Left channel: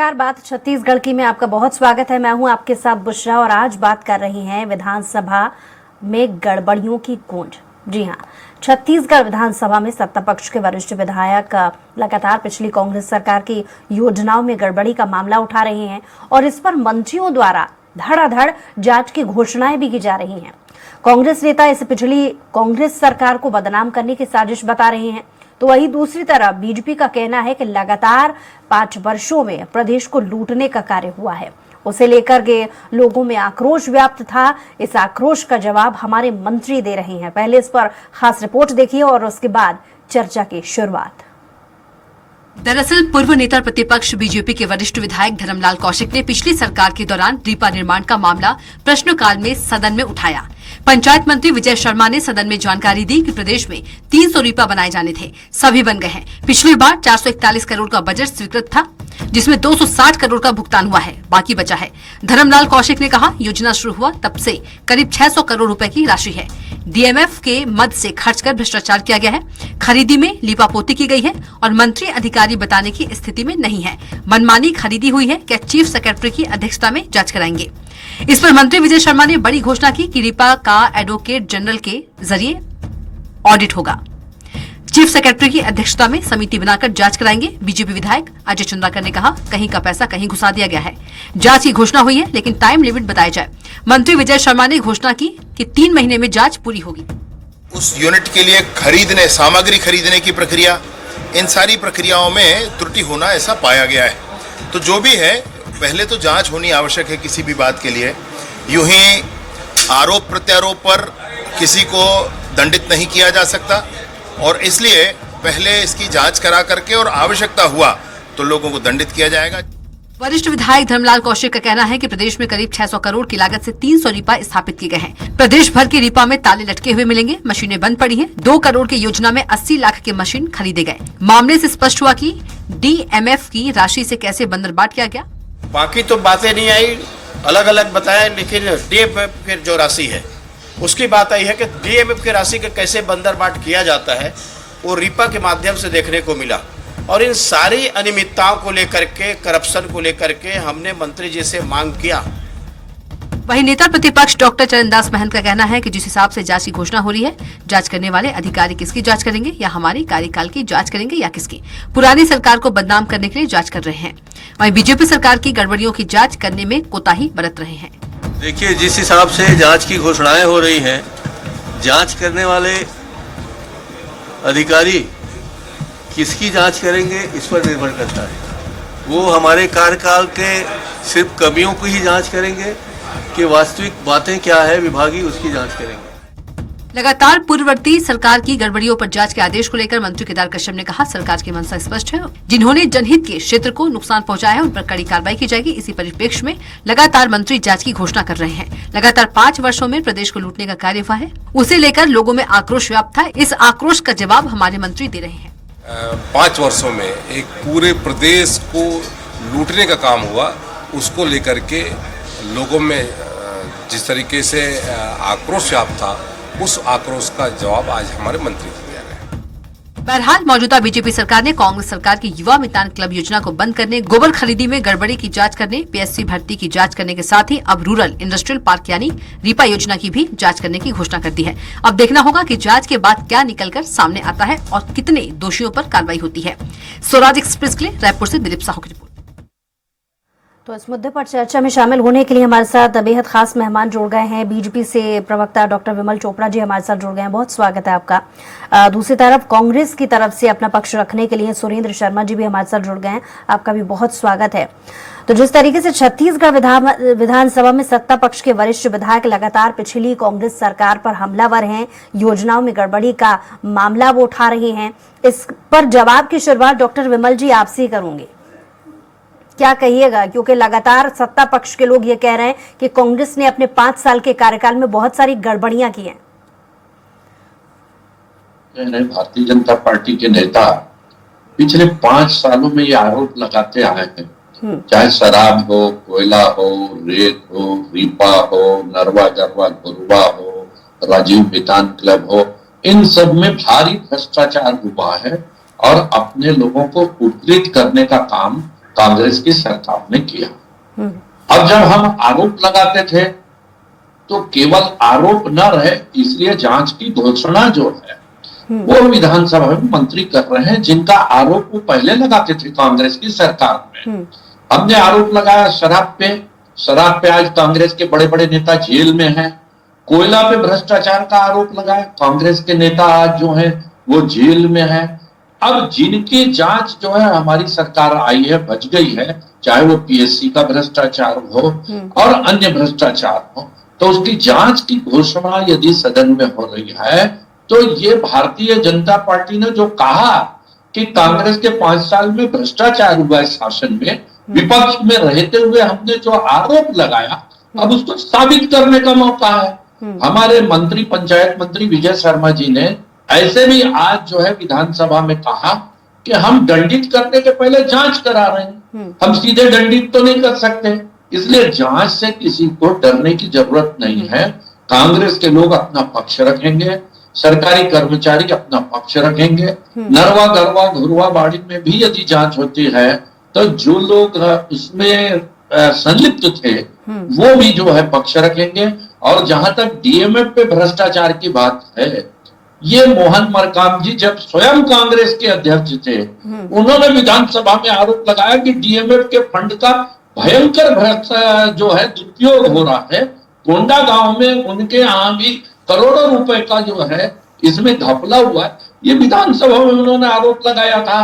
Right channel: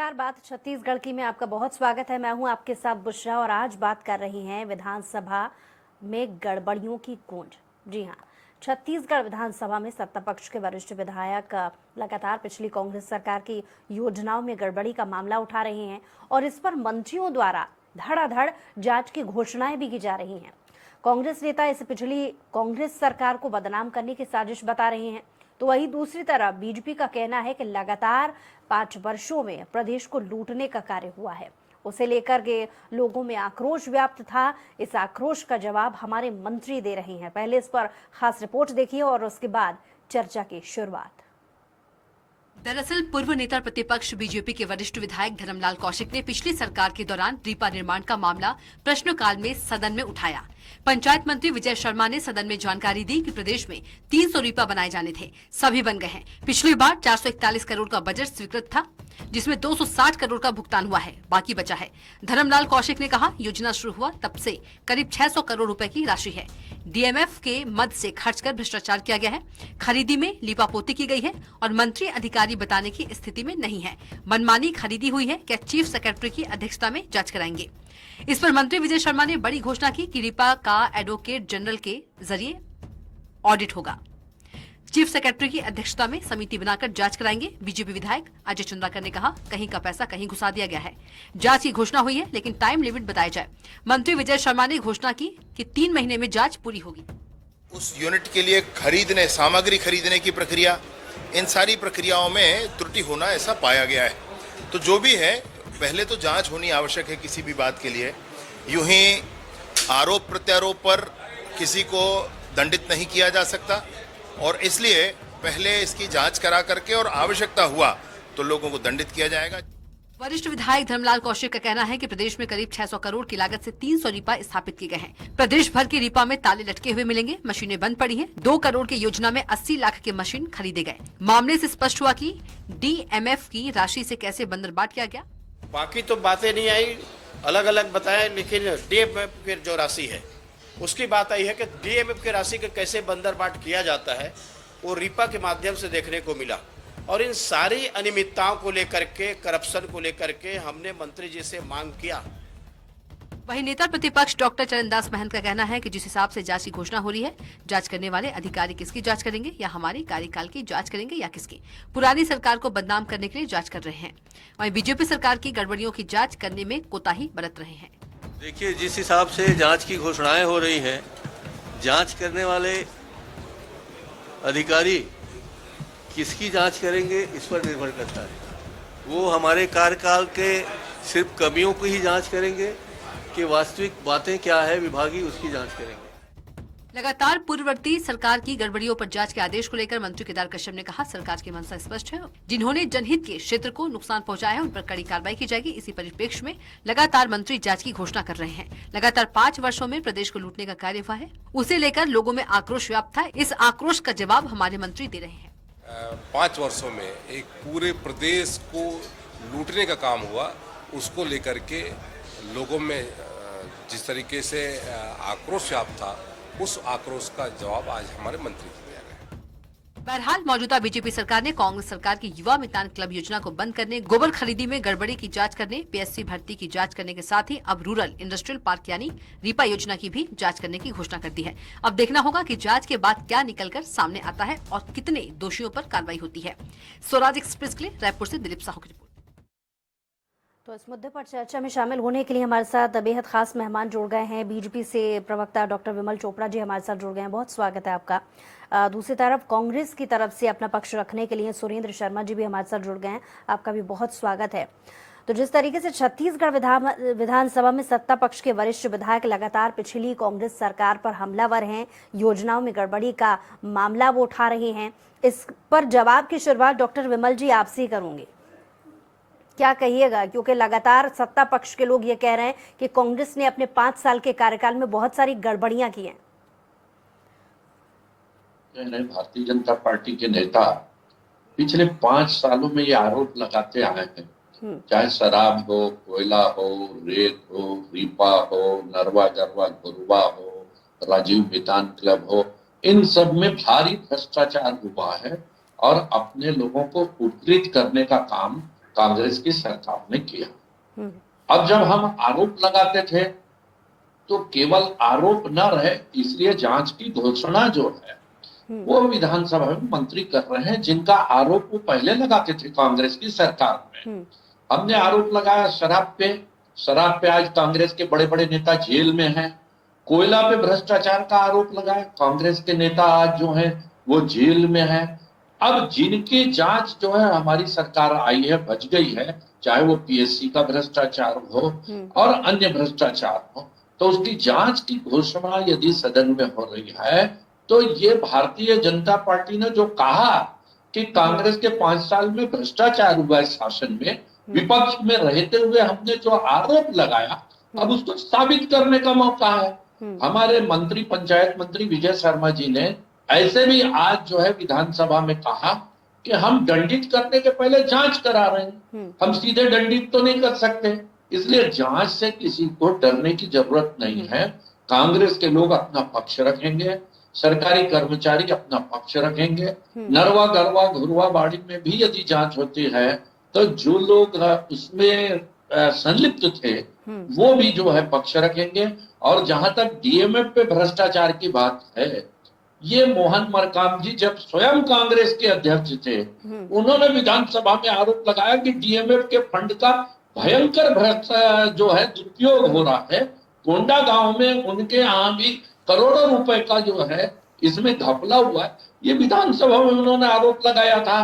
नमस्कार, बात छत्तीसगढ़ की में आपका बहुत स्वागत है। मैं हूं आपके साथ बुशरा और आज बात कर रही हैं विधानसभा में गड़बड़ियों की गूंज। जी हां, छत्तीसगढ़ विधानसभा में सत्ता पक्ष के वरिष्ठ विधायक लगातार पिछली कांग्रेस सरकार की योजनाओं में गड़बड़ी का मामला उठा रहे हैं और इस पर मंत्रियों द्वारा धड़ाधड़ जांच की घोषणाएं भी की जा रही हैं। कांग्रेस नेता इसे पिछली कांग्रेस सरकार को बदनाम करने की साजिश बता रहे हैं, तो वहीं दूसरी तरफ बीजेपी का कहना है कि लगातार 5 वर्षों में प्रदेश को लूटने का कार्य हुआ है। उसे लेकर के लोगों में आक्रोश व्याप्त था। इस आक्रोश का जवाब हमारे मंत्री दे रहे हैं। पहले इस पर खास रिपोर्ट देखिए और उसके बाद चर्चा की शुरुआत। दरअसल पूर्व नेता प्रतिपक्ष बीजेपी के वरिष्ठ विधायक धर्मलाल कौशिक ने पिछली सरकार के दौरान रीपा निर्माण का मामला प्रश्नकाल में सदन में उठाया। पंचायत मंत्री विजय शर्मा ने सदन में जानकारी दी कि प्रदेश में 300 रीपा बनाए जाने थे, सभी बन गए हैं। पिछली बार 441 करोड़ का बजट स्वीकृत था, जिसमें 260 करोड़ का भुगतान हुआ है, बाकी बचा है। धर्मलाल कौशिक ने कहा, योजना शुरू हुआ तब से करीब 600 करोड़ रुपए की राशि है। डीएमएफ के मद से खर्च कर भ्रष्टाचार किया गया है। खरीदी में लीपापोती की गई है और मंत्री अधिकारी बताने की स्थिति में नहीं है। मनमानी खरीदी हुई है, क्या चीफ सेक्रेटरी की अध्यक्षता में जांच कराएंगे। इस पर मंत्री विजय शर्मा ने बड़ी घोषणा की कि रीपा का एडवोकेट जनरल के जरिए ऑडिट होगा। चीफ सेक्रेटरी की अध्यक्षता में समिति बनाकर जांच कराएंगे। बीजेपी विधायक अजय चंद्राकर ने कहा, कहीं का पैसा कहीं घुसा दिया गया है। जांच की घोषणा हुई है, लेकिन टाइम लिमिट बताया जाए। मंत्री विजय शर्मा ने घोषणा की कि 3 महीने में जांच पूरी होगी। उस यूनिट के लिए सामग्री खरीदने की प्रक्रिया, इन सारी प्रक्रियाओं में त्रुटि होना ऐसा पाया गया है। तो जो भी है, पहले तो जांच होनी आवश्यक है किसी भी बात के लिए। यूं ही आरोप प्रत्यारोप पर किसी को दंडित नहीं किया जा सकता और इसलिए पहले इसकी जांच करा करके और आवश्यकता हुआ तो लोगों को दंडित किया जाएगा। वरिष्ठ विधायक धर्मलाल कौशिक का कहना है कि प्रदेश में करीब 600 करोड़ की लागत से 300 रीपा स्थापित किए गए हैं। प्रदेश भर के रीपा में ताले लटके हुए मिलेंगे, मशीनें बंद पड़ी हैं। 2 करोड़ की योजना में 80 लाख के मशीन खरीदे गए। मामले से स्पष्ट हुआ कि डीएमएफ की राशि से कैसे बंदरबाट किया गया। बाकी तो बातें नहीं आई, अलग अलग बताया, लेकिन डीएमएफ की जो राशि है उसकी बात आई है कि डीएमएफ की राशि का कैसे बंदरबाट किया जाता है वो रीपा के माध्यम से देखने को मिला। और इन सारी अनियमितताओं को लेकर के, करप्शन को लेकर के हमने मंत्री जी से मांग किया। वहीं नेता प्रतिपक्ष डॉक्टर चरणदास महंत का कहना है कि जिस हिसाब से जांच की घोषणा हो रही है, जांच करने वाले अधिकारी किसकी जांच करेंगे, या हमारी कार्यकाल की जांच करेंगे या किसकी। पुरानी सरकार को बदनाम करने के लिए जांच कर रहे हैं। वहीं बीजेपी सरकार की गड़बड़ियों की जांच करने में कोताही बरत रहे हैं। देखिए, जिस हिसाब से जांच की घोषणाएं हो रही हैं, जांच करने वाले अधिकारी किसकी जांच करेंगे इस पर निर्भर करता है। वो हमारे कार्यकाल के सिर्फ कमियों की ही जांच करेंगे कि वास्तविक बातें क्या है विभागीय, उसकी जांच करेंगे। लगातार पूर्ववर्ती सरकार की गड़बड़ियों पर जांच के आदेश को लेकर मंत्री केदार कश्यप ने कहा, सरकार की मंशा स्पष्ट है। जिन्होंने जनहित के क्षेत्र को नुकसान पहुंचाया है, उन पर कड़ी कार्रवाई की जाएगी। इसी परिप्रेक्ष्य में लगातार मंत्री जांच की घोषणा कर रहे हैं। लगातार 5 वर्षों में प्रदेश को लूटने का कार्य हुआ है, उसे लेकर लोगों में आक्रोश व्याप्त था। इस आक्रोश का जवाब हमारे मंत्री दे रहे हैं। 5 वर्षों में एक पूरे प्रदेश को लूटने का काम हुआ, उसको लेकर के लोगों में जिस तरीके से आक्रोश व्याप्त था, उस आक्रोश का जवाब आज हमारे मंत्री दे रहे हैं। बहरहाल मौजूदा बीजेपी सरकार ने कांग्रेस सरकार की युवा मितान क्लब योजना को बंद करने, गोबर खरीदी में गड़बड़ी की जांच करने, पीएससी भर्ती की जांच करने के साथ ही अब रूरल इंडस्ट्रियल पार्क यानी रीपा योजना की भी जांच करने की घोषणा कर दी है। अब देखना होगा कि जांच के बाद क्या निकलकर सामने आता है और कितने दोषियों पर कार्रवाई होती है। स्वराज एक्सप्रेस के लिए रायपुर से दिलीप साहू की रिपोर्ट। तो इस मुद्दे पर चर्चा में शामिल होने के लिए हमारे साथ बेहद खास मेहमान जुड़ गए हैं। बीजेपी से प्रवक्ता डॉक्टर विमल चोपड़ा जी हमारे साथ जुड़ गए हैं, बहुत स्वागत है आपका। दूसरी तरफ कांग्रेस की तरफ से अपना पक्ष रखने के लिए सुरेंद्र शर्मा जी भी हमारे साथ जुड़ गए हैं, आपका भी बहुत स्वागत है। तो जिस तरीके से छत्तीसगढ़ विधानसभा में सत्ता पक्ष के वरिष्ठ विधायक लगातार पिछली कांग्रेस सरकार पर हमलावर हैं, योजनाओं में गड़बड़ी का मामला वो उठा रहे हैं, इस पर जवाब की शुरुआत डॉक्टर विमल जी आपसे करूंगी। क्या कहिएगा, क्योंकि लगातार सत्ता पक्ष के लोग ये कह रहे हैं कि कांग्रेस ने अपने 5 साल के कार्यकाल में बहुत सारी गड़बड़ियां की हैं। भारतीय जनता पार्टी के नेता पिछले 5 सालों में ये आरोप लगाते आए हैं, चाहे शराब हो, कोयला हो, रेत हो, रीपा हो, नरवा गरवा गुरुआ हो, राजीव मितान क्लब हो, इन सब में भारी भ्रष्टाचार हुआ है और अपने लोगों को उत्प्रेरित करने का काम कांग्रेस की सरकार ने किया। अब जब हम आरोप लगाते थे तो केवल आरोप न रहे, इसलिए जांच की घोषणा जो है वो विधानसभा में मंत्री कर रहे हैं, जिनका आरोप वो पहले लगाते थे कांग्रेस की सरकार में। हमने आरोप लगाया शराब पे आज कांग्रेस के बड़े बड़े नेता जेल में हैं। कोयला पे भ्रष्टाचार का आरोप लगाया, कांग्रेस के नेता आज जो है वो जेल में है। अब जिनकी जांच जो है हमारी सरकार आई है, बच गई है, चाहे वो पीएससी का भ्रष्टाचार हो और अन्य भ्रष्टाचार हो, तो उसकी जांच की घोषणा यदि सदन में हो रही है तो ये भारतीय जनता पार्टी ने जो कहा कि कांग्रेस के 5 साल में भ्रष्टाचार हुआ है शासन में, विपक्ष में रहते हुए हमने जो आरोप लगाया, अब उसको साबित करने का मौका है। हमारे मंत्री, पंचायत मंत्री विजय शर्मा जी ने ऐसे भी आज जो है विधानसभा में कहा कि हम दंडित करने के पहले जांच करा रहे हैं, हम सीधे दंडित तो नहीं कर सकते, इसलिए जांच से किसी को डरने की जरूरत नहीं है। कांग्रेस के लोग अपना पक्ष रखेंगे, सरकारी कर्मचारी अपना पक्ष रखेंगे। नरवा गरवा घुरवा बाड़ी में भी यदि जांच होती है तो जो लोग उसमें संलिप्त थे वो भी जो है पक्ष रखेंगे। और जहां तक डीएमएफ पे भ्रष्टाचार की बात है, ये मोहन मरकाम जी जब स्वयं कांग्रेस के अध्यक्ष थे, उन्होंने विधानसभा में आरोप लगाया कि डीएमएफ के फंड का भयंकर जो है दुरुपयोग हो रहा है। कोंडा गांव में उनके यहाँ भी करोड़ों रुपए का जो है इसमें घपला हुआ है, ये विधानसभा में उन्होंने आरोप लगाया था।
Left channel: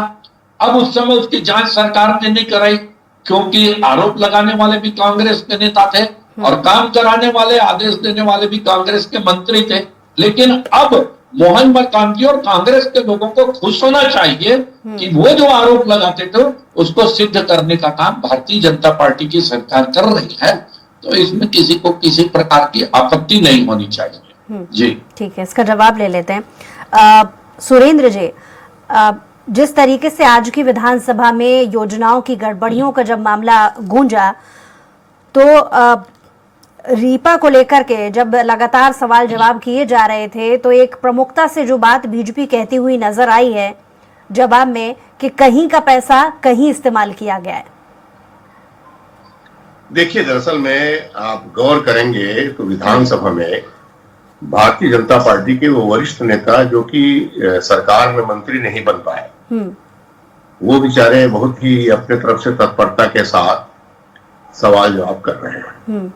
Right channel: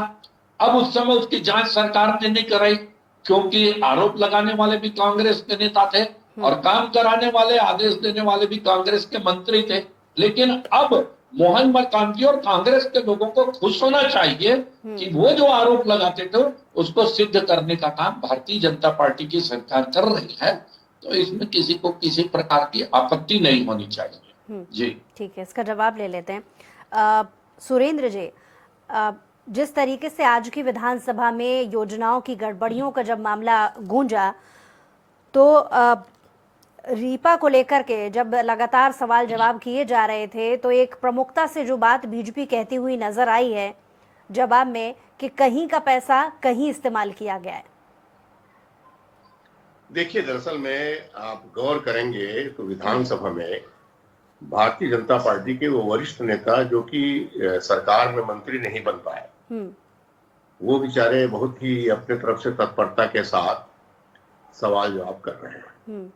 अब उस समय उसकी जांच सरकार ने नहीं कराई, क्योंकि आरोप लगाने वाले भी कांग्रेस के नेता थे और काम कराने वाले, आदेश देने वाले भी कांग्रेस के मंत्री थे। लेकिन अब मोहन मरकाम जी और कांग्रेस के लोगों को खुश होना चाहिए कि वो जो आरोप लगाते थे उसको सिद्ध करने का काम भारतीय जनता पार्टी की सरकार कर रही है, तो इसमें किसी को किसी प्रकार की आपत्ति नहीं होनी चाहिए। जी ठीक है, इसका जवाब ले लेते हैं। सुरेंद्र जी, जिस तरीके से आज की विधानसभा में योजनाओं की गड़बड़ियों का जब मामला गूंजा, तो रीपा को लेकर के जब लगातार सवाल जवाब किए जा रहे थे, तो एक प्रमुखता से जो बात बीजेपी कहती हुई नजर आई है जवाब में कि कहीं का पैसा कहीं इस्तेमाल किया गया है। देखिए, दरअसल में आप गौर करेंगे तो विधानसभा में भारतीय जनता पार्टी के वो वरिष्ठ नेता जो कि सरकार में मंत्री नहीं बन पाए, वो बेचारे बहुत ही अपने तरफ से तत्परता के साथ सवाल जवाब कर रहे हैं।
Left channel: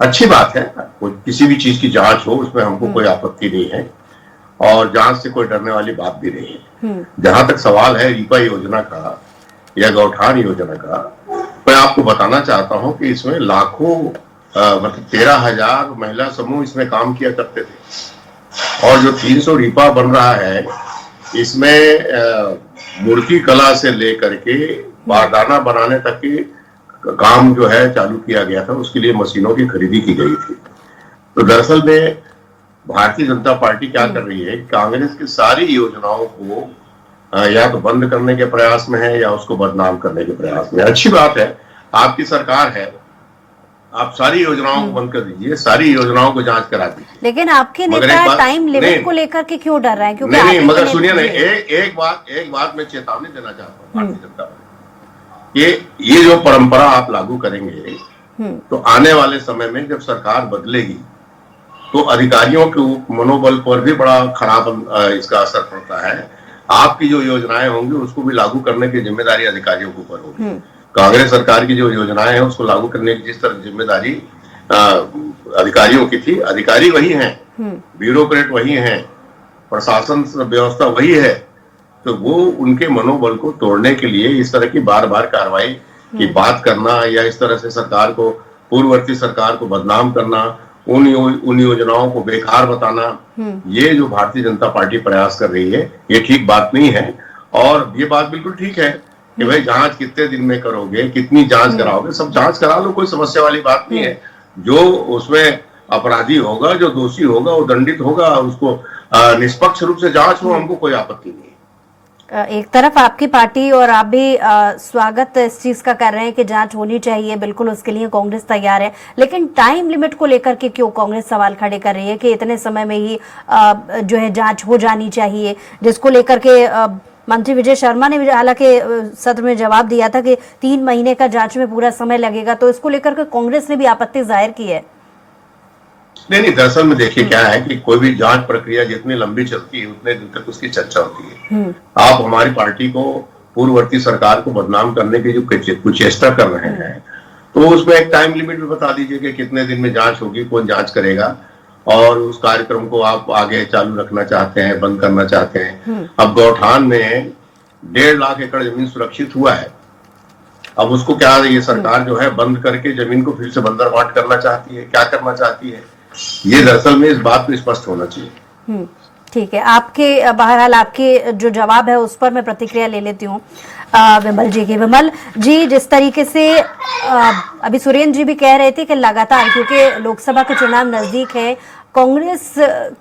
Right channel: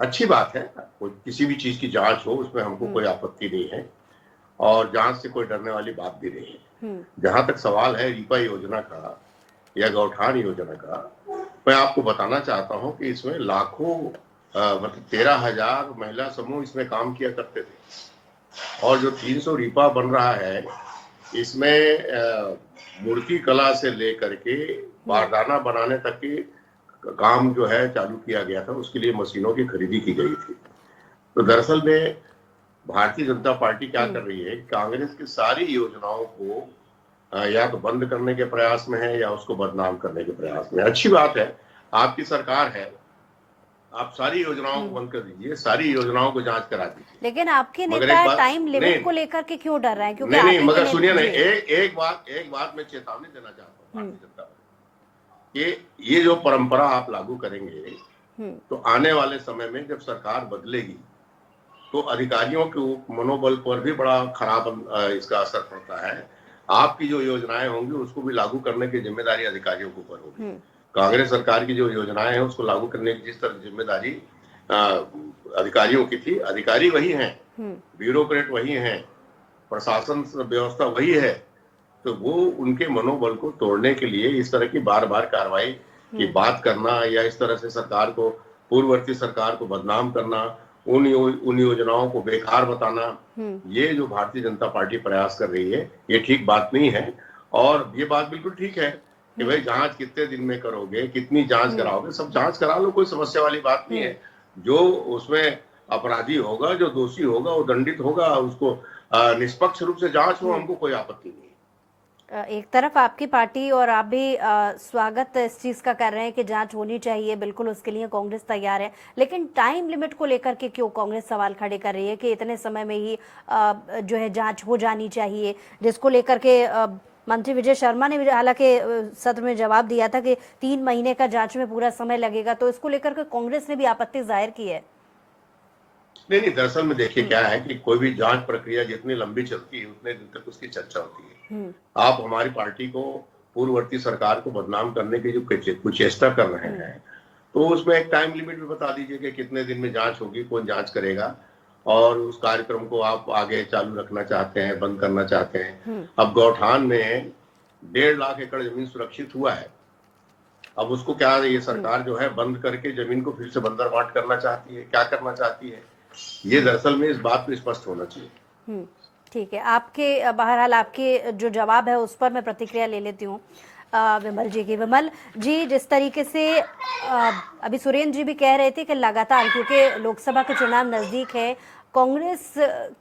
अच्छी बात है, किसी भी चीज की जांच हो उसमें हमको कोई आपत्ति नहीं है और जांच से कोई डरने वाली बात भी नहीं है। जहां तक सवाल है रीपा योजना का या गौठान योजना का, मैं आपको बताना चाहता हूं कि इसमें लाखों मतलब 13,000 महिला समूह इसमें काम किया करते थे और जो 300 रीपा बन रहा है इसमें मूर्ति कला से लेकर के बारदाना बनाने तक के काम जो है चालू किया गया था, उसके लिए मशीनों की खरीदी की गई थी। तो दरअसल में भारतीय जनता पार्टी क्या कर रही है, कांग्रेस की सारी योजनाओं को या तो बंद करने के प्रयास में है या उसको बदनाम करने के प्रयास में। अच्छी बात है, आपकी सरकार है, आप सारी योजनाओं को बंद कर दीजिए, सारी योजनाओं को जांच करा दीजिए। लेकिन आपके नेता टाइम लिमिट को लेकर के क्यों डर रहे हैं? क्योंकि नहीं, मगर सुनिए नहीं, एक बात मैं चेतावनी देना चाहता हूँ भारतीय जनता पार्टी, ये जो परंपरा आप लागू करेंगे तो आने वाले समय में जब सरकार बदलेगी तो अधिकारियों के मनोबल पर भी बड़ा खराब इसका असर पड़ता है। आपकी जो योजनाएं होंगी उसको भी लागू करने की जिम्मेदारी अधिकारियों के ऊपर होगी। कांग्रेस सरकार की जो योजनाएं हैं उसको लागू करने की जिस तरह जिम्मेदारी अधिकारियों की थी, अधिकारी वही हैं, ब्यूरोक्रेट वही हैं, प्रशासन व्यवस्था वही है, तो वो उनके मनोबल को तोड़ने के लिए इस तरह की बार बार कार्रवाई की बात करना या इस तरह से सरकार को, पूर्ववर्ती सरकार को बदनाम करना, उन योजनाओं को बेकार बताना, ये जो भारतीय जनता पार्टी प्रयास कर रही है ये ठीक बात नहीं है। और ये बात बिल्कुल ठीक है कि भाई जांच कितने दिन में करोगे, कितनी जांच कराओगे, सब जांच करा लो, कोई समस्या वाली बात नहीं है। जो उसमें अपराधी होगा, जो दोषी होगा वो दंडित होगा, उसको निष्पक्ष रूप से जांच हो, हमको कोई आपत्ति नहीं है। एक तरफ आपकी पार्टी और आप भी स्वागत इस चीज का कर रहे हैं कि जांच होनी चाहिए, बिल्कुल उसके लिए कांग्रेस तैयार है, लेकिन टाइम लिमिट को लेकर के क्यों कांग्रेस सवाल खड़े कर रही है कि इतने समय में ही जो है जांच हो जानी चाहिए, जिसको लेकर के मंत्री विजय शर्मा ने भी हालांकि सत्र में जवाब दिया था कि 3 महीने का जांच में पूरा समय लगेगा, तो इसको लेकर के कांग्रेस ने भी आपत्ति जाहिर की है। नहीं, दरअसल में देखिए क्या है कि कोई भी जांच प्रक्रिया जितनी लंबी चलती है उतने दिन तक उसकी चर्चा होती है। आप हमारी पार्टी को, पूर्ववर्ती सरकार को बदनाम करने की जो कुचेष्टा कर रहे हैं, तो उसमें एक टाइम लिमिट भी बता दीजिए कि कितने दिन में जांच होगी, कौन जांच करेगा, और उस कार्यक्रम को आप आगे चालू रखना चाहते हैं, बंद करना चाहते हैं। अब गौठान में 1.5 लाख एकड़ जमीन सुरक्षित हुआ है, अब उसको क्या ये सरकार जो है बंद करके जमीन को फिर से बंदरबाट करना चाहती है, क्या करना चाहती है, ये दरअसल में इस बात पे स्पष्ट होना चाहिए। ठीक है, आपके बहरहाल आपके जो जवाब है उस पर मैं प्रतिक्रिया ले लेती हूँ विमल जी की। विमल जी, जिस तरीके से अभी सुरेंद्र जी भी कह रहे थे कि लगातार, क्योंकि लोकसभा का चुनाव नजदीक है, कांग्रेस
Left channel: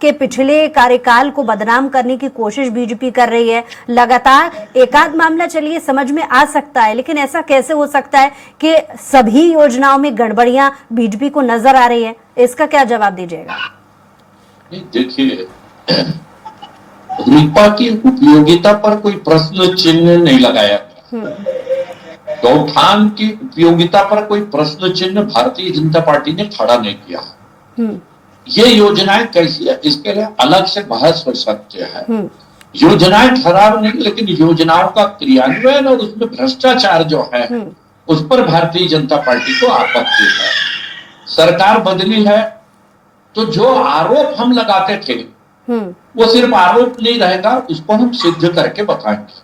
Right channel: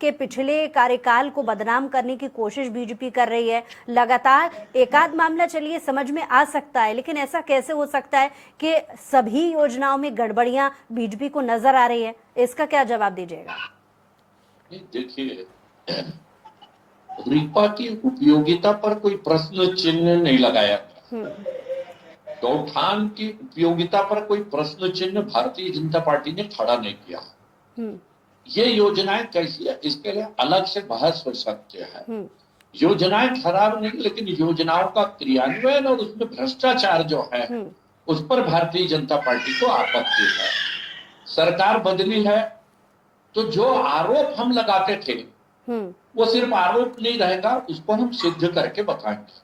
के पिछले कार्यकाल को बदनाम करने की कोशिश बीजेपी कर रही है लगातार। एकाध मामला चलिए समझ में आ सकता है, लेकिन ऐसा कैसे हो सकता है कि सभी योजनाओं में गड़बड़ियां बीजेपी को नजर आ रही है? इसका क्या जवाब दीजिएगा? देखिए, रीपा की उपयोगिता पर कोई प्रश्न चिन्ह नहीं लगाया गया। गौठान की उपयोगिता पर कोई प्रश्न चिन्ह भारतीय जनता पार्टी ने खड़ा नहीं किया। ये योजनाएं कैसी है, इसके लिए अलग से बहस हो सकते हैं। योजनाएं खराब नहीं, लेकिन योजनाओं का क्रियान्वयन और उसमें भ्रष्टाचार जो है उस पर भारतीय जनता पार्टी को आपत्ति है। सरकार बदली है तो जो आरोप हम लगाते थे वो सिर्फ आरोप नहीं रहेगा, उसको हम सिद्ध करके बताएंगे।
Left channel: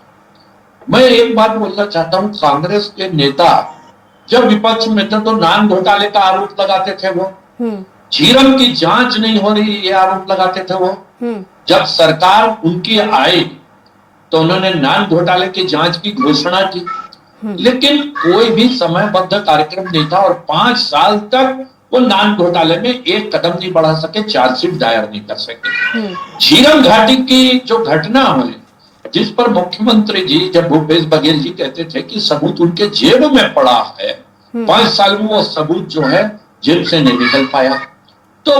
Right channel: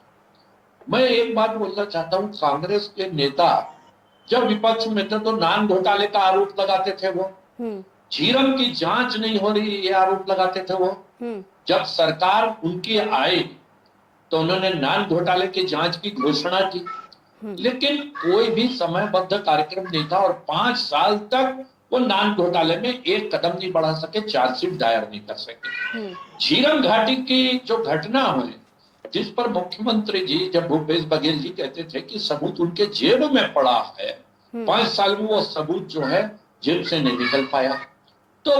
मैं एक बात बोलना चाहता हूं, कांग्रेस के नेता जब विपक्ष में थे तो नान घोटाले का आरोप लगाते थे, वो झीरम की जांच नहीं हो रही ये आरोप लगाते थे वो। जब सरकार उनकी आई तो उन्होंने नान घोटाले की जांच की घोषणा की, लेकिन कोई भी समयबद्ध कार्यक्रम नहीं था और 5 साल तक वो नान घोटाले में एक कदम नहीं बढ़ा सके, चार्जशीट दायर नहीं कर सके। झीरम घाटी की जो घटना हुई, जिस पर मुख्यमंत्री जी जब भूपेश बघेल जी कहते थे कि सबूत उनके जेब में पड़ा है, 5 साल में वो सबूत जो है जेब से नहीं निकल पाया। तो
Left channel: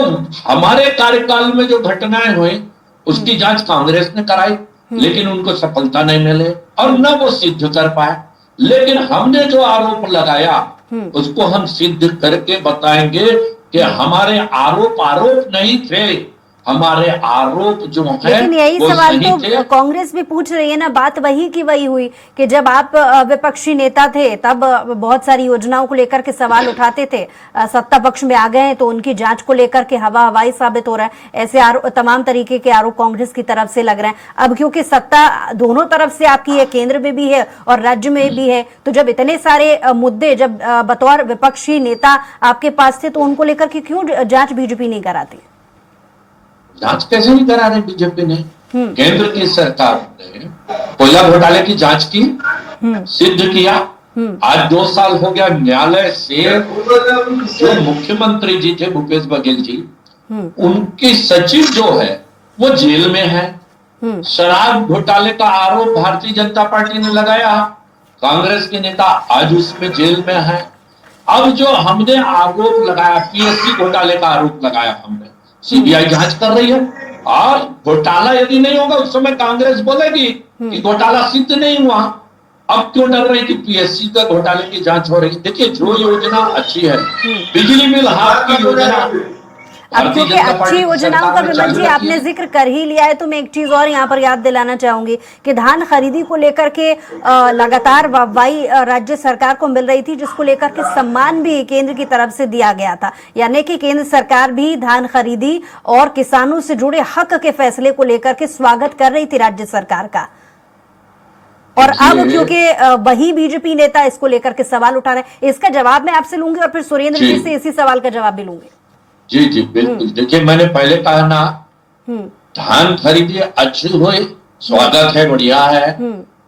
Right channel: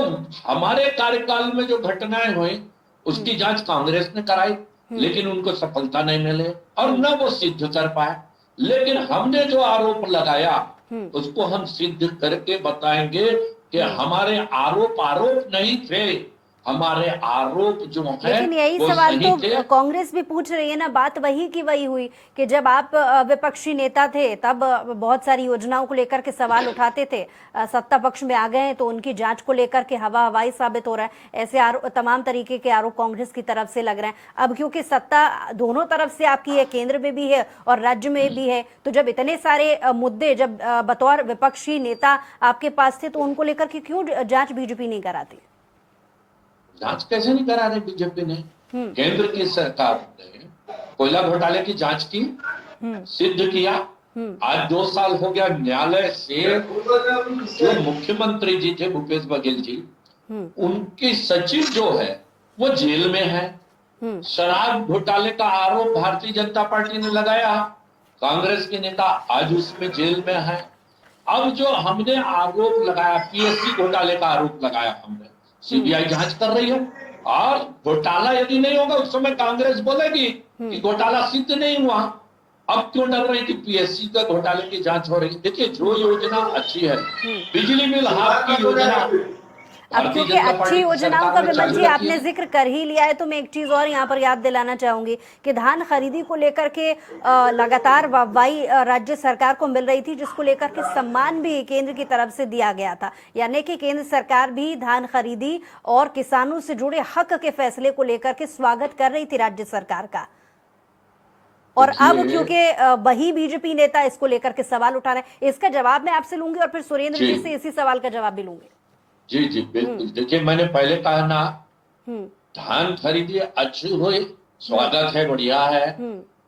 हमारे कार्यकाल में जो घटनाएं हुई उसकी जांच कांग्रेस ने कराई, लेकिन उनको सफलता नहीं मिले और न वो सिद्ध कर पाए। लेकिन हमने जो आरोप लगाया उसको हम सिद्ध करके बताएंगे कि हमारे आरोप नहीं थे, हमारे आरोप जो है, लेकिन यही वो सवाल सही तो थे। कांग्रेस भी पूछ रही है ना, बात वही की वही हुई कि जब आप विपक्षी नेता थे तब बहुत सारी योजनाओं को लेकर के सवाल उठाते थे, सत्ता पक्ष में आ गए हैं तो उनकी जांच को लेकर के हवाई साबित हो रहा है। ऐसे तमाम तरीके के आरोप कांग्रेस की तरफ से लग रहे हैं। अब क्योंकि सत्ता दोनों तरफ से आपकी है, केंद्र में भी है और राज्य में भी है, तो जब इतने सारे मुद्दे जब बतौर विपक्षी नेता आपके पास थे तो उनको लेकर के क्यों जांच बीजेपी नहीं कराती? जांच कैसे नहीं करा रहे बीजेपी ने? केंद्र की सरकार ने कोयला घोटाले की जांच की, सिद्ध किया। आज 2 साल हो गया न्यायालय से जो मुख्यमंत्री जी थे भूपेश बघेल जी, उनकी सचिव जो है वो जेल में है। शराब घोटाले का आरोप भारतीय जनता पार्टी ने लगाया, कांग्रेस के नेता आज उसमें जेल में है। अब जो हमने आरोप लगाया, पीएससी घोटाले का आरोप लगाया हमने, सीबीआई जांच कर रही है और घोटाला यदि नहीं होगा उस समय कांग्रेस बोलेगी कि घोटाला सिद्ध नहीं हुआ। अब क्यों डर रहे कि पीएससी का घोटाले की जांच हो रही है? देखिए, जो योजना अच्छी है, बिजली बिल हाफ की योजना, अब क्योंकि अच्छी योजनाओं का विमल जी आपने जिक्र कर ही लिया है तो मैं एक चीज और यहाँ पर याद दिलाना चाहूंगी कि धान खरीदी को लेकर के लगातार वाहवाही राज्य सरकार को मिल रही थी, जिसको लेकर के सम्मान भी केंद्र की तरफ से दिया गया था। यानी कि केंद्र सरकार भी धान खरीदी और किसानों से जुड़े हक के फैसले को लेकर के स्वागत कर रही थी राज्य सरकार का। और अब क्योंकि वही बीजेपी नेता इसको लेकर के सवाल उठा रहे हैं, इसका जवाब मैं आपसे लूंगी और फिर सुरेंद्र जी से इसी सवाल का जवाब भी लूंगी। जी बिल्कुल। देखिए, मैंने पहले कहा ना, धान खरीदी अच्छी हुई, स्वागत है, बढ़िया है,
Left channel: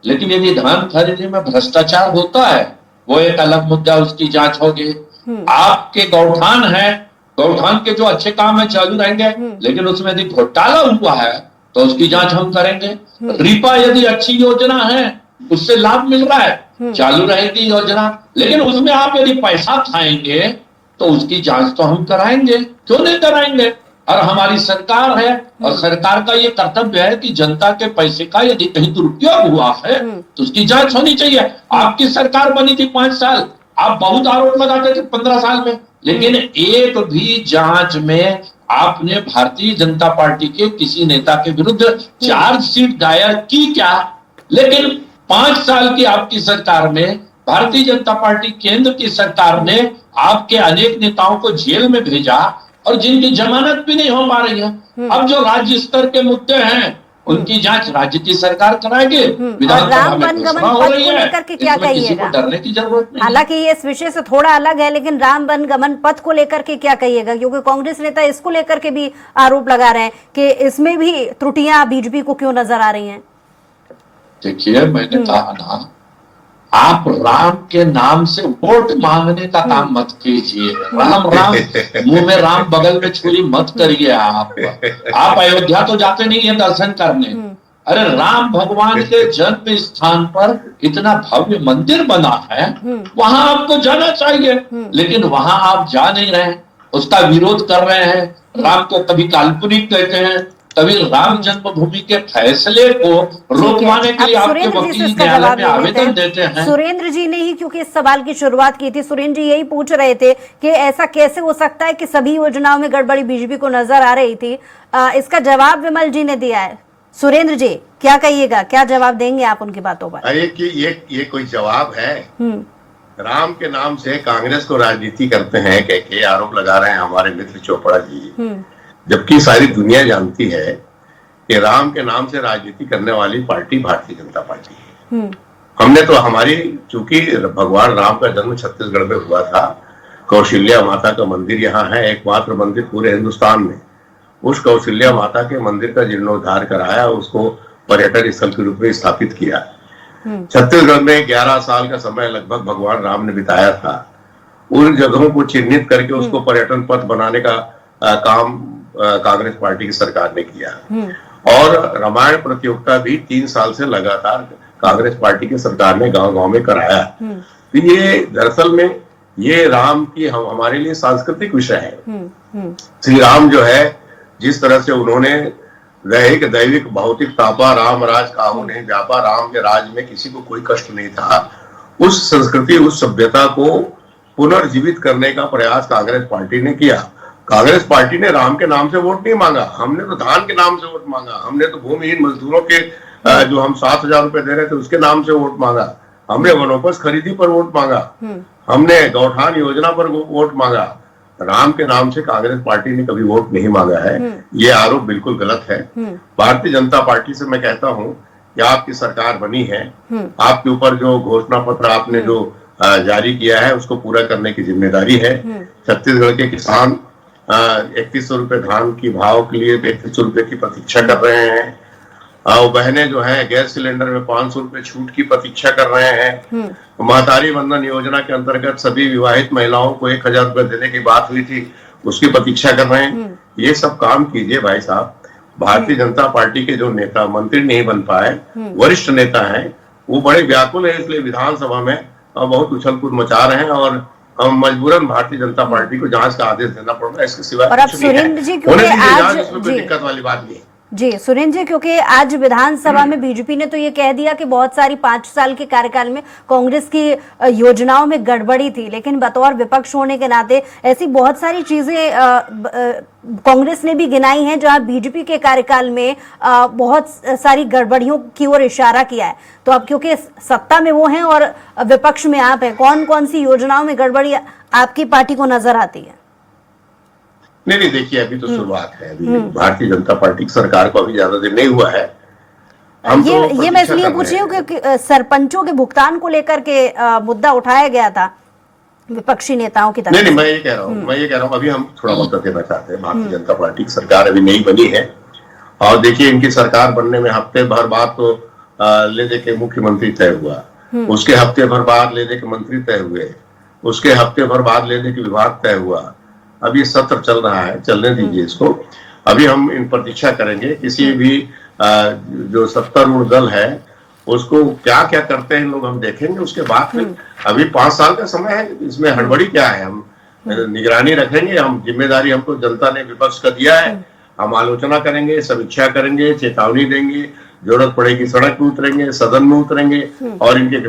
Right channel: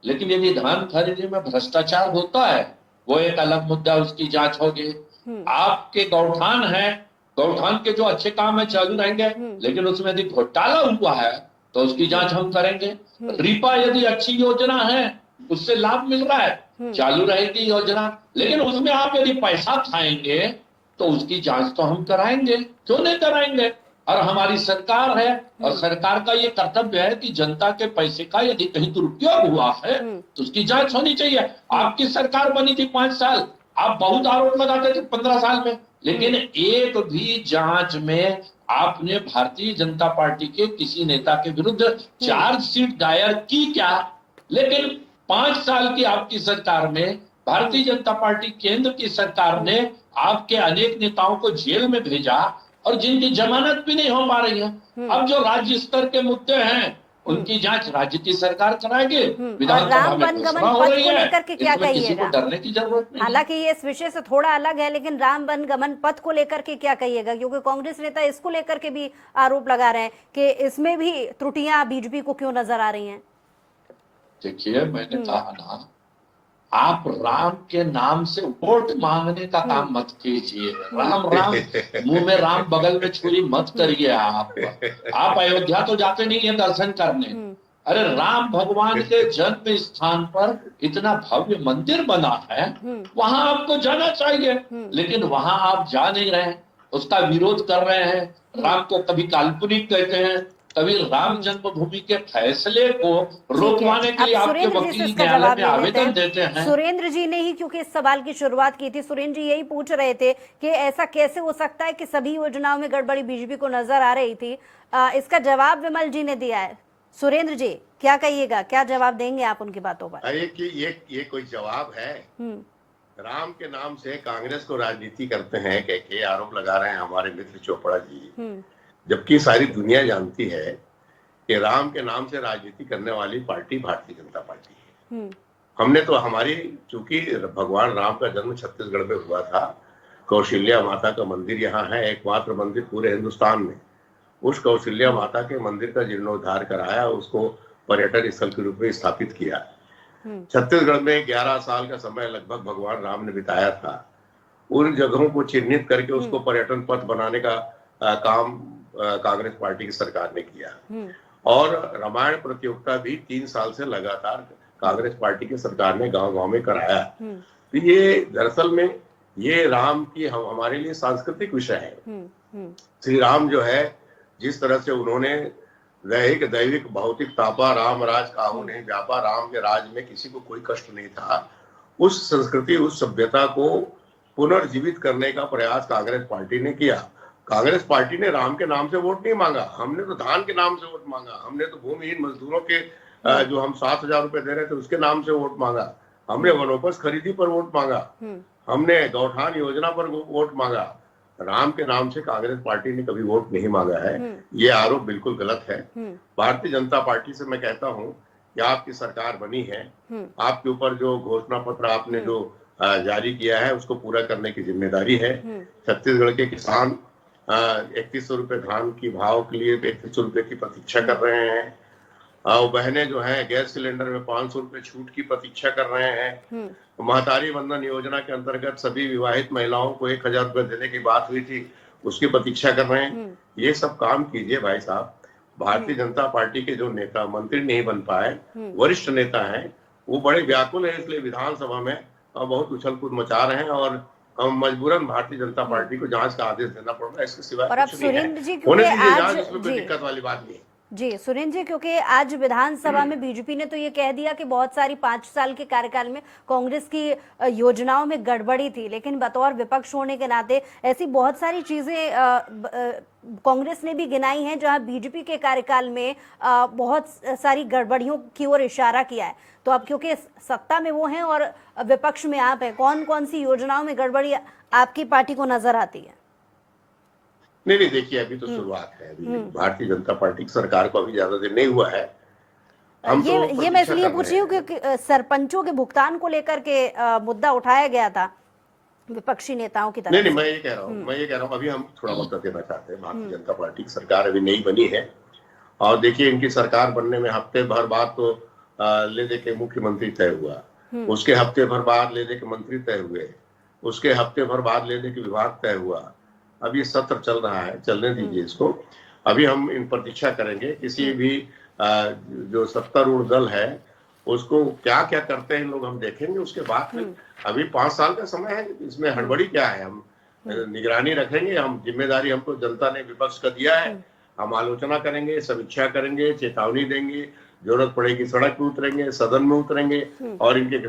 लेकिन यदि धान खरीदी में भ्रष्टाचार होता है वो एक अलग मुद्दा, उसकी जांच होगी। आपके गौठान है, गौठान के जो अच्छे काम है चालू रहेंगे, लेकिन उसमें यदि घोटाला हुआ है तो उसकी जांच हम करेंगे। रीपा यदि अच्छी योजना है, उससे लाभ मिल रहा है, चालू रहेगी योजना, लेकिन उसमें आप यदि पैसा खाएंगे तो उसकी जांच तो हम कराएंगे, क्यों नहीं कराएंगे? और हमारी सरकार है, और सरकार का ये कर्तव्य है कि जनता के पैसे का यदि कहीं दुरुपयोग हुआ है तो उसकी जांच होनी चाहिए। आपकी सरकार बनी थी 5 साल, आप बहुत आरोप लगाते थे 15 साल में, लेकिन एक भी जांच में आपने भारतीय जनता पार्टी के किसी नेता के विरुद्ध चार्जशीट दायर की क्या? लेकिन 5 साल की आपकी सरकार में भारतीय जनता पार्टी केंद्र की सरकार ने आपके अनेक नेताओं को जेल में भेजा, और जिनकी जमानत भी नहीं हो पा रही है। अब जो राज्य स्तर के मुद्दे हैं उनकी जांच राज्य की सरकार कराएगी। राम वनगमन पथ को लेकर के क्या कहिएगा? डरने की जरूरत नहीं। हालांकि ये इस विषय से थोड़ा अलग है, लेकिन राम वनगमन पथ को लेकर के क्या कहिएगा? क्योंकि कांग्रेस नेता इसको लेकर के भी आरोप लगा रहे हैं कि इसमें भी त्रुटियां बीजेपी को क्यों नजर आ रही हैं। देखिए, मैंने कहा ना, आप राम के नाम से वोट मांगने का काम मत कीजिए। राम राम मुंह में राम बगल में छुरी मत करिए। आप अयोध्या तो जाते नहीं है दर्शन करने। अरे राम भगवान के जन्म स्थान पर इतना भव्य मंदिर बना है, वहां आपको जाना चाहिए, लेकिन वहां आप जा नहीं रहे, उसका विरोध कर रहे हैं। राम को कभी काल्पनिक कहते हैं, कभी राम जन्मभूमि के फैसले को रोकवाने के लिए आपके वकील न्यायालय में आवेदन देते हैं। सुरेंद्र जी ने ही क्योंकि इस सवाल की शुरुआत की थी, सुरेंद्र जी यही पूछ रहे थे कि ऐसा कैसे हो सकता है कि सभी योजनाओं में गड़बड़ी बीजेपी को नजर आ रही थी। इसका जवाब विमल जी ने दिया है। सुरेंद्र जी क्या कहिएगा, क्या जवाब देंगे आप उनकी बातों पर? अरे कि ये कोई जवाब है? राम के नाम से कांग्रेस को राजनीति करते हैं कह के आरोप लगा रहे हैं हमारे मित्र चोपड़ा जी, जबकि सारी दुनिया जानती है कि राम के नाम से राजनीति करने वाली पार्टी भारतीय जनता पार्टी है। हमने तो चूंकि भगवान राम का जन्म छत्तीसगढ़ में हुआ था, कौशल्या माता का मंदिर यहाँ है, एकमात्र मंदिर पूरे हिंदुस्तान में। उस कौशल्या माता के मंदिर का जीर्णोद्धार कराया, उसको पर्यटन स्थल के रूप में स्थापित किया। छत्तीसगढ़ में 11 साल का समय लगभग भगवान राम ने बिताया था। उन जगहों को चिन्हित करके उसको पर्यटन पथ बनाने का काम कांग्रेस पार्टी की सरकार ने किया, और रामायण प्रतियोगिता भी 3 साल से लगातार कांग्रेस पार्टी की सरकार ने गांव-गांव में कराया। तो ये दरअसल में ये राम की हमारे लिए सांस्कृतिक विषय है। श्री राम जो है, जिस तरह से उन्होंने दैहिक दैविक भौतिक तापा राम राज काहू ने व्यापा, राम के राज में किसी को कोई कष्ट नहीं था, उस संस्कृति उस सभ्यता को पुनर्जीवित करने का प्रयास कांग्रेस पार्टी ने किया। कांग्रेस पार्टी ने राम के नाम से वोट नहीं मांगा, हमने तो धान के नाम से वोट मांगा, हमने तो भूमिहीन मजदूरों के जो हम 7,000 रुपए दे रहे थे उसके नाम से वोट मांगा, हमने वनोपज खरीदी पर वोट मांगा, हमने गौठान योजना पर वोट मांगा। राम के नाम से कांग्रेस पार्टी ने कभी वोट नहीं मांगा है। ये आरोप बिल्कुल गलत है। भारतीय जनता पार्टी से मैं कहता हूं कि आपकी सरकार बनी है, आपके ऊपर जो घोषणा पत्र आपने जो जारी किया है उसको पूरा करने की जिम्मेदारी है। छत्तीसगढ़ के किसान 3100 रुपए धान की भाव के लिए 3100 रुपए की प्रतीक्षा कर रहे हैं, और बहनें जो है गैस सिलेंडर में 500 रुपए छूट की प्रतीक्षा कर रहे हैं। महतारी बंधन योजना के अंतर्गत सभी विवाहित महिलाओं को 1000 रुपए देने की बात हुई थी, उसकी प्रतीक्षा कर रहे हैं। ये सब काम कीजिए भाई साहब। भारतीय जनता पार्टी के जो नेता मंत्री नहीं बन पाए, वरिष्ठ नेता हैं, वो बड़े व्याकुल है, इसलिए विधानसभा में बहुत उछल कूद मचा रहे हैं, और हम मजबूरन भारतीय जनता पार्टी को जांच का आदेश देना पड़ रहा है। इसके सिवाय कुछ नहीं है। होने दीजिए जांच, इसमें कोई दिक्कत वाली बात नहीं है। जी सुरेंद्र जी, क्योंकि आज विधानसभा में बीजेपी ने तो ये कह दिया कि बहुत सारी 5 साल के कार्यकाल में कांग्रेस की योजनाओं में गड़बड़ी थी, लेकिन बतौर विपक्ष होने के नाते ऐसी बहुत सारी चीजें कांग्रेस ने भी गिनाई हैं जहां बीजेपी के कार्यकाल में बहुत सारी गड़बड़ियों की ओर इशारा किया है। तो अब क्योंकि सत्ता में वो हैं और विपक्ष में आप हैं, कौन कौन सी योजनाओं में गड़बड़ी आपकी पार्टी को नजर आती है? नहीं, देखिए अभी तो शुरुआत है। अभी भारतीय जनता पार्टी की सरकार को अभी ज्यादा दिन नहीं हुआ है। हम ये मैं इसलिए पूछ रही हूँ क्योंकि सरपंचों के भुगतान को लेकर के मुद्दा उठाया गया था विपक्षी नेताओं की तरफ। नहीं, मैं ये कह रहा हूँ अभी हम थोड़ा मदद देना चाहते हैं। भारतीय जनता पार्टी की सरकार अभी नहीं बनी है, और देखिए इनकी सरकार बनने में हफ्ते भर बाद तो ले दे के मुख्यमंत्री तय हुआ, उसके हफ्ते भर बाद ले दे के मंत्री तय हुए, उसके हफ्ते भर बाद ले दे के विभाग तय हुआ। अब ये सत्र चल रहा है, चलने दीजिए इसको। अभी हम इन प्रतीक्षा करेंगे किसी भी जो सत्तारूढ़ दल है उसको क्या क्या करते हैं लोग, हम देखेंगे उसके बाद फिर। अभी 5 साल का समय है, इसमें हड़बड़ी क्या है? हम निगरानी रखेंगे। हम जिम्मेदारी हमको जनता ने विपक्ष का दिया है, हम आलोचना करेंगे, समीक्षा करेंगे, चेतावनी देंगे, जरूरत पड़ेगी सड़क पे उतरेंगे, सदन में उतरेंगे और इनके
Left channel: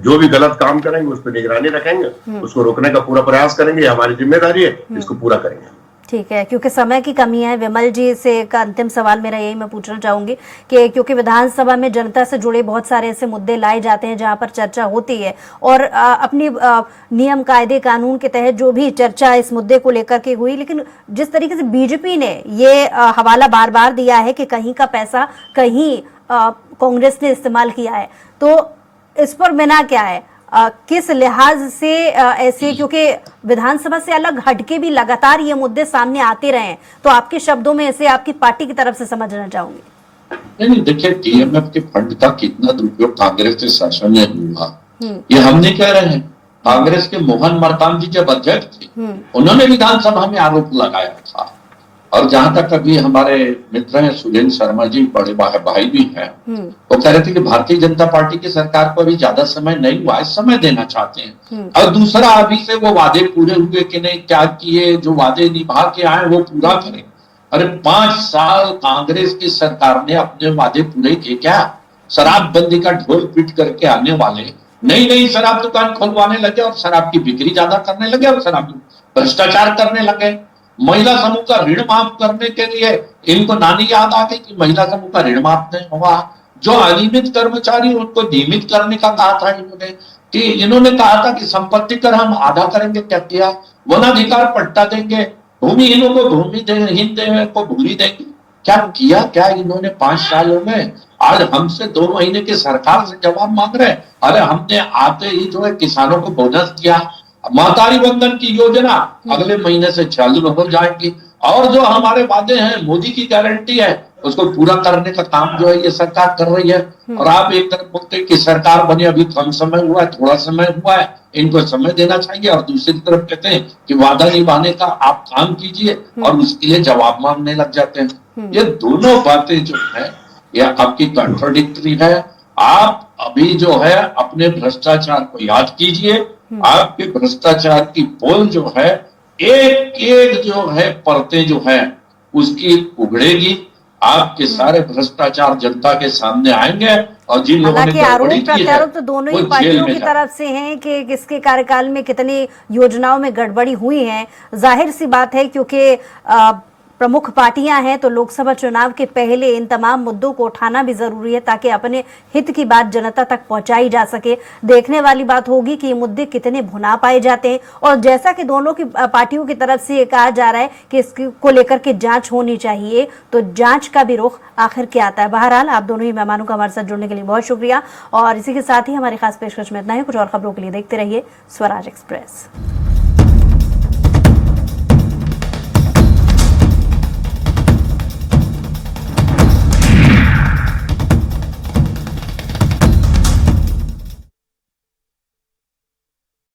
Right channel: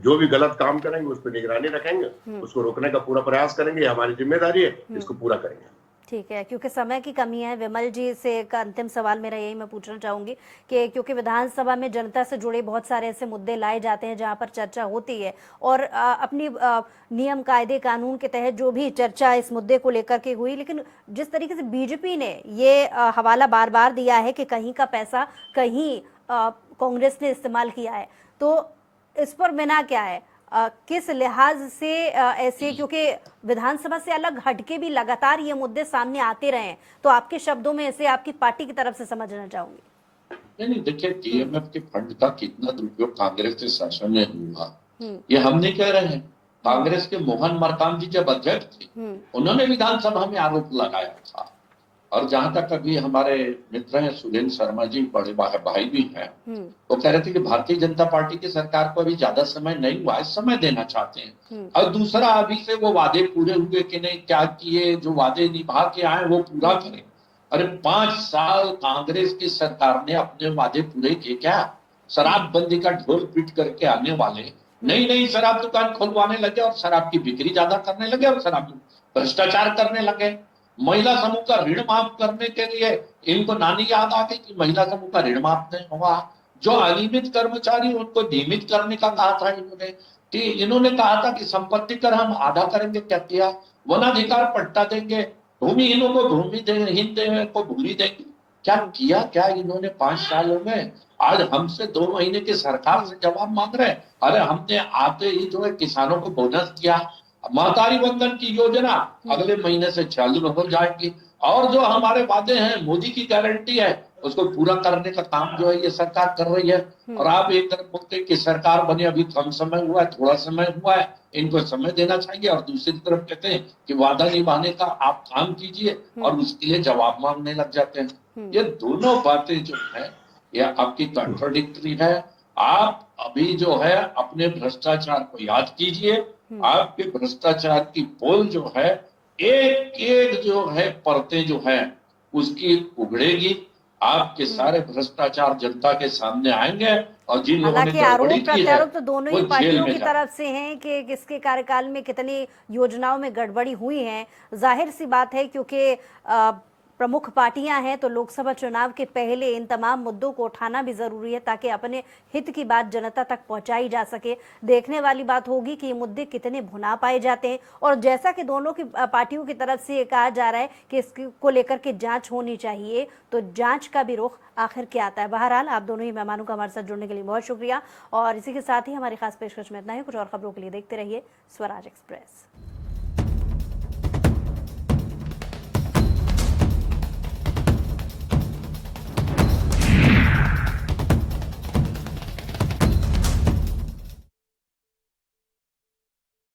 जो भी गलत काम करेंगे उस पर निगरानी रखेंगे, उसको रोकने का पूरा प्रयास करेंगे। हमारी जिम्मेदारी है, इसको पूरा करेंगे। ठीक है, क्योंकि समय की कमी है, विमल जी से एक अंतिम सवाल मेरा यही मैं पूछना चाहूंगी कि क्योंकि विधानसभा में जनता से जुड़े बहुत सारे ऐसे मुद्दे लाए जाते हैं जहां पर चर्चा होती है और अपनी नियम कायदे कानून के तहत जो भी चर्चा इस मुद्दे को लेकर के हुई, लेकिन जिस तरीके से बीजेपी ने ये हवाला बार बार दिया है कि कहीं का पैसा कहीं कांग्रेस ने इस्तेमाल किया है, तो इस पर बिना क्या है, किस लिहाज से ऐसे, क्योंकि विधानसभा से अलग हटके भी लगातार ये मुद्दे सामने आते रहे, तो आपके शब्दों में इसे आपकी पार्टी की तरफ से समझना चाहूंगी। नहीं, देखिए डीएमएफ के फंड का कितना दुरुपयोग कांग्रेस के शासन में हुआ ये हम नहीं कह रहे हैं। कांग्रेस के मोहन मरकाम जी जब अध्यक्ष थे उन्होंने विधानसभा में आरोप लगाया था, और जहां तक अभी हमारे मित्र हैं सुरेंद्र शर्मा जी, बड़े भाई भी हैं, वो कह रहे थे कि भारतीय जनता पार्टी की सरकार को अभी ज्यादा समय नहीं हुआ है, समय देना चाहते हैं। और दूसरा, अभी से वो वादे पूरे हुए कि नहीं, क्या किए, जो वादे निभा के आए वो पूरा करें। अरे 5 साल कांग्रेस की सरकार ने अपने वादे पूरे किए क्या? शराबबंदी का ढोल पीट करके आने वाले नई शराब दुकान खोलवाने लगे और शराब की बिक्री ज्यादा करने लगे और शराब भ्रष्टाचार करने लगे। महिला समूह का ऋण माफ करने के लिए इनको नानी याद आ गई कि महिला समूह का ऋण माफ नहीं होगा। जो अनियमित कर्मचारी उनको नियमित करने का कहा था इन्होंने, कि इन्होंने कहा था कि संपत्ति कर हम आधा करेंगे, क्या किया? वनाधिकार पट्टा देंगे, भूमिहीनों को भूमि देंगे, को भूमि देंगे, क्या किया? क्या इन्होंने 5 सालों में? आज हमसे 2 महीने की सरकार से जवाब मांग रहे। अरे हमने आते ही जो है किसानों को बोनस दिया, महतारी बंधन की योजना अगले महीने से चालू हो जाएगी, और जो हमारे वादे हैं, मोदी की गारंटी है, उसको पूरा करने का काम जो है ये सरकार कर रही है। और आप एक तरफ बोलते हैं कि सरकार बने अभी कम समय हुआ है, थोड़ा समय हुआ है, इनको समय देना चाहिए, और दूसरी तरफ कहते हैं कि वादा निभाने का आप काम कीजिए और उसके लिए जवाब मांगने लग जाते हैं। ये दोनों बातें जो है ये आपकी कॉन्ट्राडिक्टरी है। आप अभी जो है अपने भ्रष्टाचार को याद कीजिए, आपके भ्रष्टाचार की पोल जो है एक एक जो है परतें जो है उसकी उगड़ेगी, आपके सारे भ्रष्टाचार जनता के सामने आएंगे, और जिन लोगों ने आरोप गड़बड़ी की है प्रत्यारोप तो दोनों ही वो पार्टियों जेल में की तरफ से हैं कि किसके कार्यकाल में कितनी योजनाओं में गड़बड़ी हुई है। जाहिर सी बात है, क्योंकि प्रमुख पार्टियां हैं तो लोकसभा चुनाव के पहले इन तमाम मुद्दों को उठाना भी जरूरी है ताकि अपने हित की बात जनता तक पहुंचाई जा सके। देखने वाली बात होगी कि ये मुद्दे कितने भुना पाए जाते हैं, और जैसा कि दोनों की पार्टियों की तरफ से कहा जा रहा है कि इसको लेकर के जांच होनी चाहिए, तो जांच का भी रुख आखिर क्या आता है। बहरहाल आप दोनों ही मेहमानों का हमारे साथ जुड़ने के लिए बहुत शुक्रिया, और इसी के साथ ही हमारी खास पेशकश में इतना ही। कुछ और खबरों के लिए देखते रहिए स्वराज एक्सप्रेस।